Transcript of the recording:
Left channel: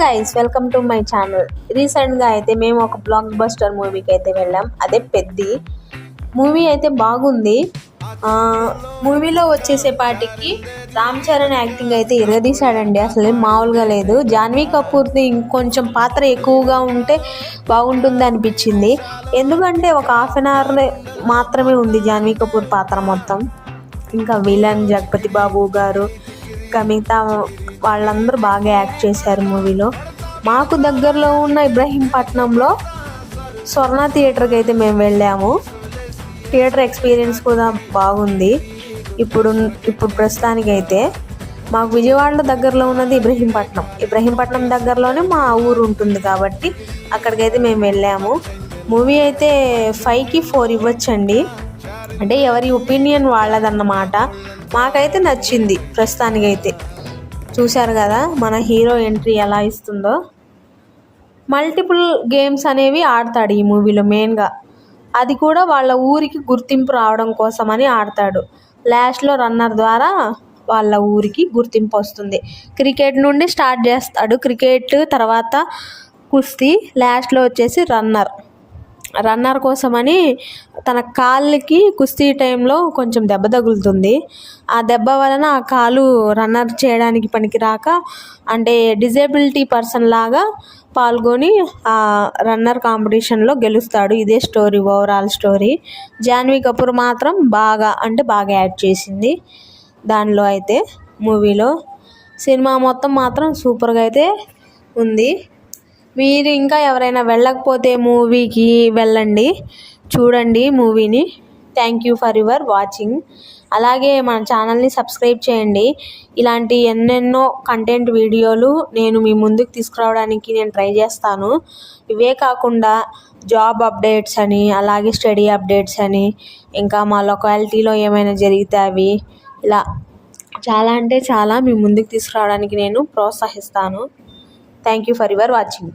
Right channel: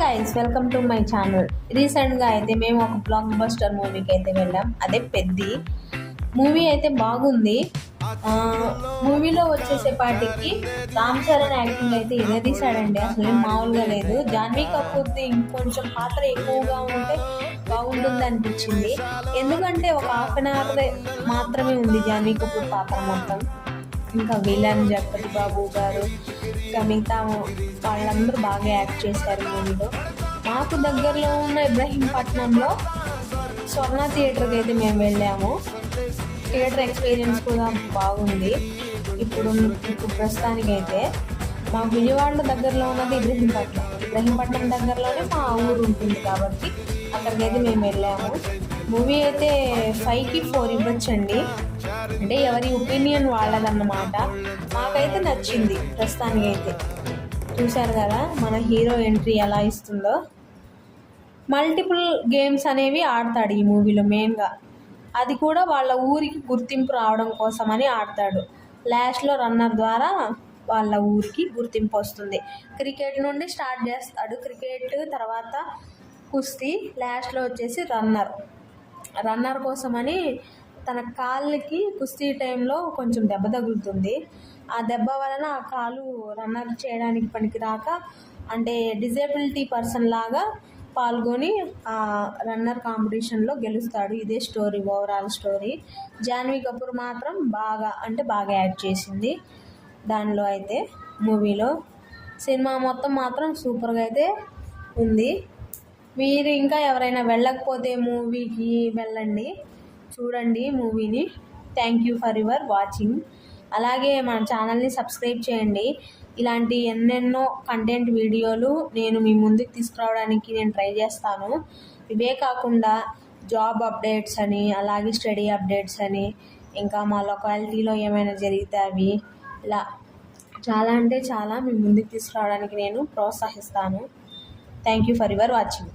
Guys, welcome to my channel. రీసెంట్గా అయితే మేము ఒక బ్లాక్ బస్టర్ మూవీకి అయితే వెళ్ళాం. అదే పెద్ది మూవీ అయితే బాగుంది. మూవీలో వచ్చేసేపాటికి రామ్ చరణ్ యాక్టింగ్ అయితే ఇరగదీశాడండి. అసలు మామూలుగా లేదు. జాన్వీ కపూర్ది ఇంకొంచెం పాత్ర ఎక్కువగా ఉంటే బాగుంటుంది అనిపించింది. ఎందుకంటే ఒక హాఫ్ అన్ అవర్ మాత్రమే ఉంది జాన్వీ కపూర్ పాత్ర మొత్తం. ఇంకా విలన్ జగపతి బాబు గారు, ఇంకా మిగతా వాళ్ళందరూ బాగా యాక్ట్ చేశారు మూవీలో. మాకు దగ్గరలో ఉన్న ఇబ్రహీంపట్నంలో స్వర్ణ థియేటర్కి అయితే మేము వెళ్ళాము. థియేటర్ ఎక్స్పీరియన్స్ కూడా బాగుంది. ఇప్పుడు ప్రస్తుతానికి అయితే మాకు విజయవాడలో దగ్గరలో ఉన్నది ఇబ్రహీంపట్నం దగ్గరలోనే మా ఊరు ఉంటుంది కాబట్టి అక్కడికైతే మేము వెళ్ళాము. మూవీ అయితే 5కి 4 ఇవ్వచ్చండి. అంటే ఎవరి ఒపీనియన్ వాళ్ళదన్నమాట. మాకైతే నచ్చింది ప్రస్తుతానికైతే. చూశారు కదా మన హీరో ఎంట్రీ ఎలా ఇస్తుందో. మల్టిపుల్ గేమ్స్ అనేవి ఆడతాడు ఈ మూవీలో. మెయిన్గా అది కూడా వాళ్ళ ఊరికి గుర్తింపు రావడం కోసమని ఆడతాడు. లాస్ట్లో రన్నర్ ద్వారా వాళ్ళ ఊరికి గుర్తింపు వస్తుంది. క్రికెట్ నుండి స్టార్ట్ చేస్తాడు. క్రికెట్ తర్వాత కుస్తీ, లాస్ట్లో వచ్చేసి రన్నర్ కోసమని తన కాళ్ళకి కుస్తీ టైంలో కొంచెం దెబ్బ తగులుతుంది. ఆ దెబ్బ వలన ఆ కాలు రన్నర్ చేయడానికి పనికిరాక, అంటే డిజేబిలిటీ పర్సన్ లాగా పాల్గొని ఆ రన్నర్ కాంపిటీషన్లో గెలుస్తాడు. ఇదే story, overall story. Janhvi Kapoor మాత్రం బాగా యాడ్ చేసింది దానిలో అయితే. మూవీలో సినిమా మొత్తం మాత్రం సూపర్గా అయితే ఉంది. మీరు ఇంకా ఎవరైనా వెళ్ళకపోతే మూవీకి వెళ్ళండి, చూడండి మూవీని. Thank you for your watching. అలాగే మన ఛానల్ని సబ్స్క్రైబ్ చేయండి. ఇలాంటి ఎన్నెన్నో కంటెంట్ వీడియోలు నేను మీ ముందుకు తీసుకురావడానికి నేను ట్రై చేస్తాను. ఇవే కాకుండా జాబ్ అప్డేట్స్ అని, అలాగే స్టడీ అప్డేట్స్ అని, ఇంకా మా లొకాలిటీలో ఏమైనా జరిగితే అవి, ఇలా చాలా అంటే చాలా మీ ముందుకు తీసుకురావడానికి నేను ప్రోత్సహిస్తాను. Thank you for your watching.